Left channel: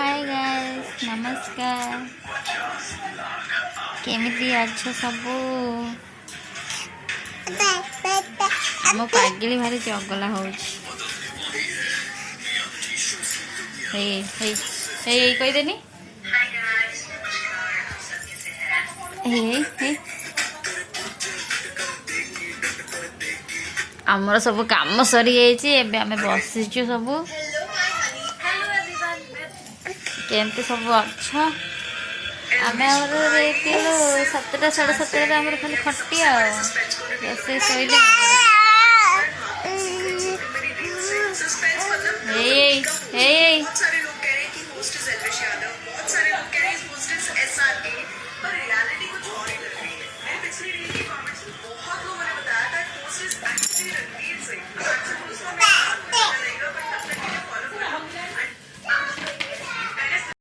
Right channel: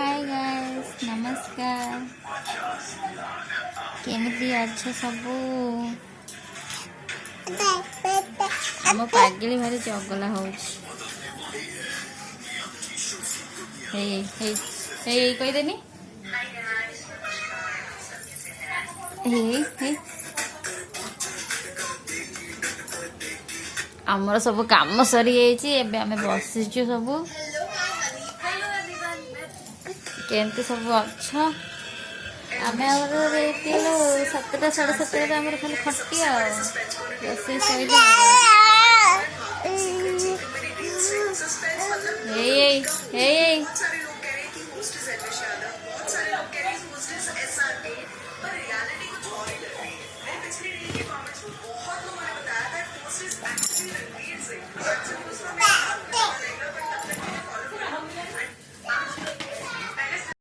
hi guys नमस्कार केमिति अच्छा सबू आम पागली भारी चगला होदेनी आमर सब काम सरी जाइए आम बसीचु सब केमती सब अच्छा आम सतटा साढ़े सतटा आम खाली खटिया रोसे शैले हे